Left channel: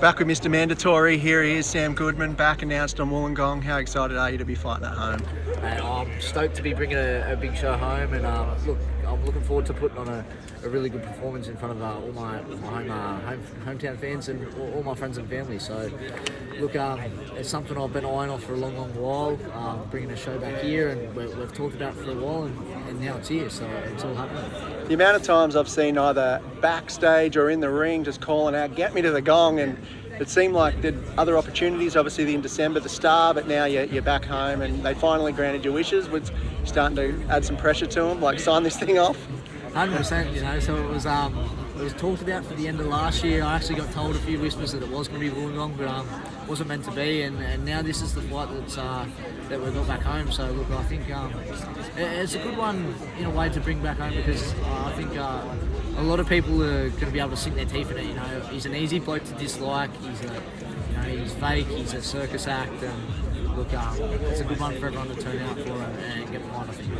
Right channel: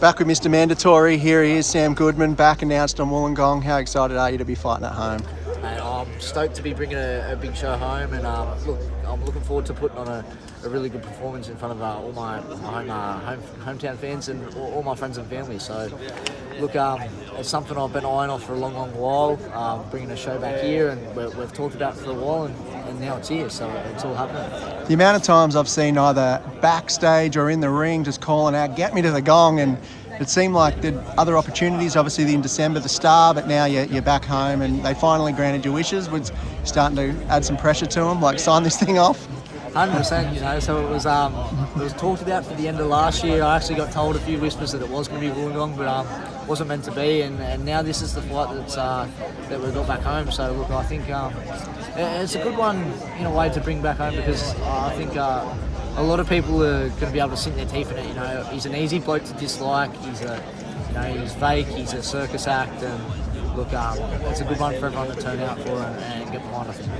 Back with Mr. Mandatory. Here he is, Sam Goodman, back announced on Wollongong. How excited are you to be fighting at home? Mate, I'm stoked to be bringing a big show home, and look, I'm looking forward to putting on a really good performance in front of all my hometown fans and all my friends and family. So, look, it's something I've been eyeing off for a long while, bringing a show back here, and we've talked about it for a while, and now it's here, so it's all happening. The amount of times I've seen either backstage or in the ring just calling out, "Get me to the gong," and it seemed like the other opportunities, obviously in December, the Star, but now you're back home and they finally granted your wishes. Was starting to add some pressure to them, like sign this thing off? 100%, so it was talked about for the end of last year. I actually got told a few whispers that it was going to be Wollongong, but wasn't meant to be, and now this is the fight that we've got back home. So look, I think it's a good one in a way to bring back home, because I think a lot of people are going to be able to sink their teeth in it. He's an easy bloke to dislike. He's fake. He's a circus act, and look, it's a good one for everyone to turn out for and get behind, I think.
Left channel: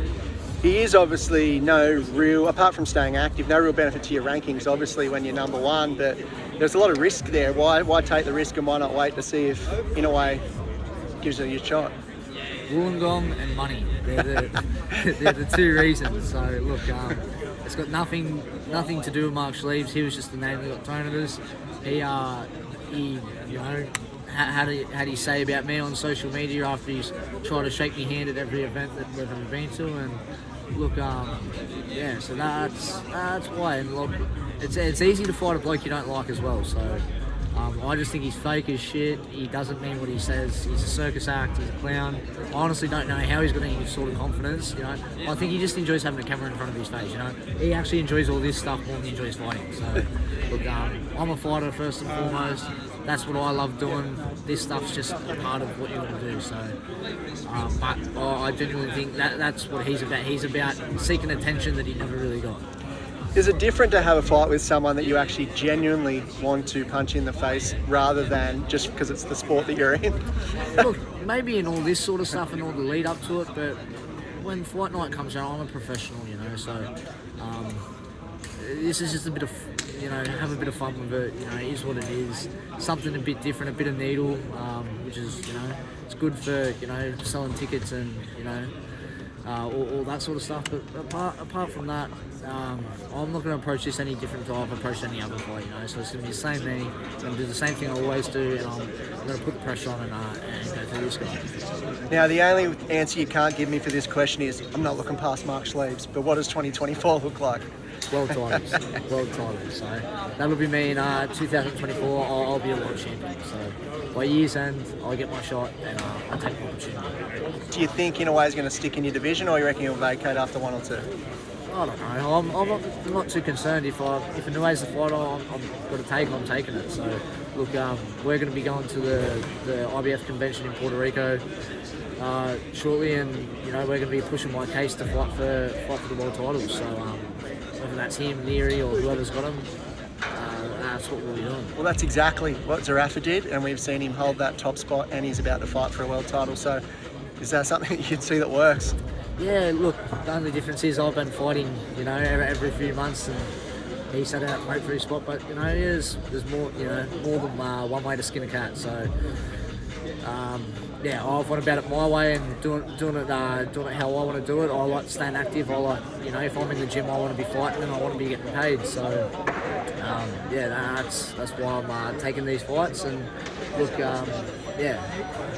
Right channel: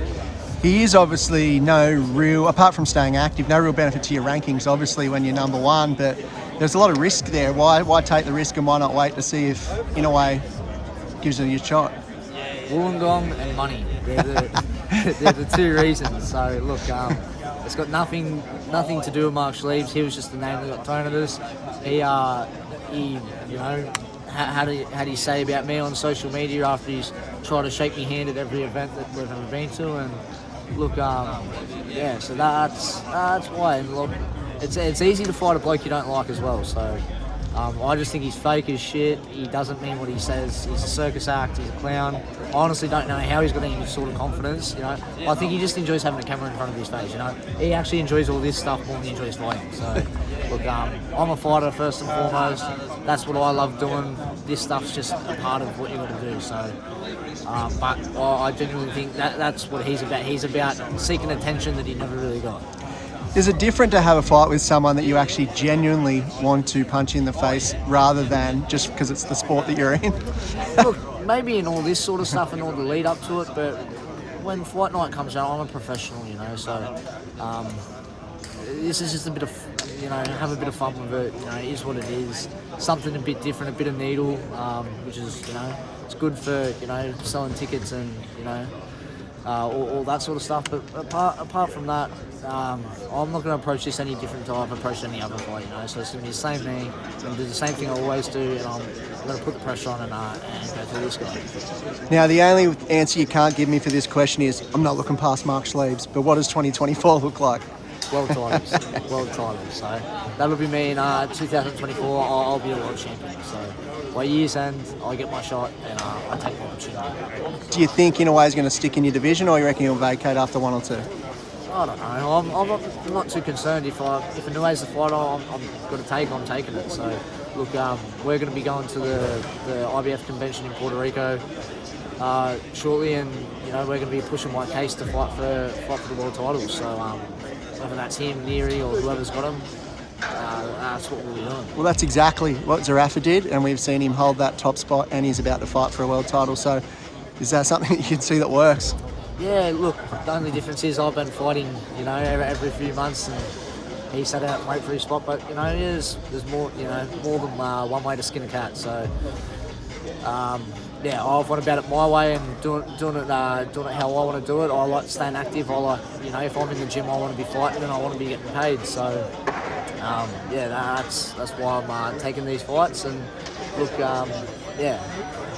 He is obviously apart from staying active, no real benefit to your rankings, obviously, when you're number one, but there's a lot of risk there. Why take the risk, and why not wait to see if, in a way, gives it a shot? Wollongong and money. They're the two reasons. So look, it's got nothing to do with Mark Schliebs. He was just the name that got thrown at us. He how do you say about me on social media after he's tried to shake me hand at every event that we've ever been to? And look, so that's why. And look, it's easy to fight a bloke you don't like as well. So I just think he's fake as shit. He doesn't mean what he says. He's a circus act. He's a clown. I honestly don't know how he's got any sort of confidence. I think he just enjoys having a camera in front of his face. He actually enjoys all this stuff more than he enjoys fighting. So look, I'm a fighter first and foremost. That's what I love doing. This stuff's just a part of what you got to do. So, but I genuinely think that's what he's about. He's about seeking attention that he never really got. Is it different to have a fight with someone that you actually genuinely want to punch in the face, rather than just because it's the sport that you're in? Look, maybe in all this sort of stuff and all the lead up to it, but when fight night comes out, I'm a professional, so this is just a bit of, have a bit of fun with it. It is what it is. Something a bit different, a bit of needle, which is, it's good for, selling tickets and, all that sort of stuff. But apart from that, I'm not going to approach this any different to I've approached any other fight, So it's going to be the same me. I'm going to do the same thing I always do, and I'm going to put the pressure on and go through this guy. Now, the only answer you can't give me for this question is, I'm not looking past Mark Schliebs, but what does 2024 look like? World titles. So that'll be me in 2024. I'll be a world champion. So by year's end, I get my shot and I take my opportunity. Do you think, in a way, he's going to stick in your division, or you reckon he'll vacate after one or two? I don't know. I'm not too concerned. If Anue's the fighter I'm taking it. So look, we're going to be going to the IBF convention in Puerto Rico shortly, and we're going to be pushing my case to fight for the world titles. So whether that's him, Neary, or whoever's got him, that's what we'll be doing. Well, that's exactly what Zarafa did, and we've seen him hold that top spot, and he's about to fight for a world title. So is that something you can see that works? Yeah, look, the only difference is I've been fighting, every few months, and he sat out and wait for his spot. But there's more, more than one way to skin a cat. So I've went about it my way and doing it how I want to do it. I like staying active. I like, if I'm in the gym, I want to be fighting and I want to be getting paid. So that's why I'm taking these fights. And look,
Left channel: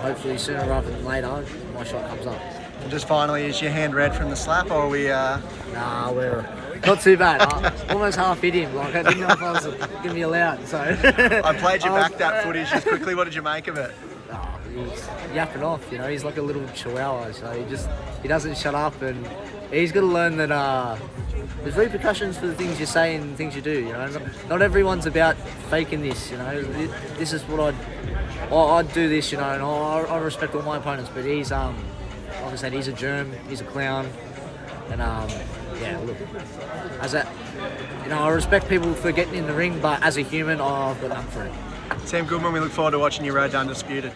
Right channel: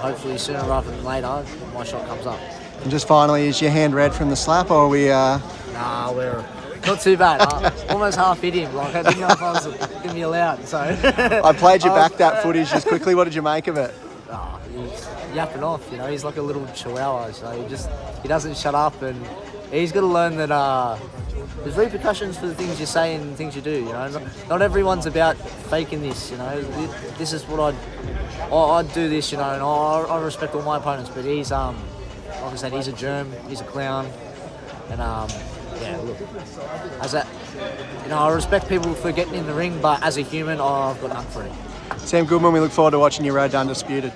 hopefully sooner rather than later, my shot comes up. And just finally, is your hand red from the slap, or are we? Nah, we're not too bad. Almost half hit him. Like, I didn't know if I was going to be allowed. So I played you back that footage just quickly. What did you make of it? He's yapping off. He's like a little chihuahua. So he doesn't shut up, and he's got to learn that there's repercussions for the things you say and things you do. Not everyone's about faking this. This is what I'd do this. And I respect all my opponents, but he's like I said, he's a germ, he's a clown, and look, I respect people for getting in the ring, but as a human, I've got none for it. Sam Goodman, we look forward to watching your road to Undisputed.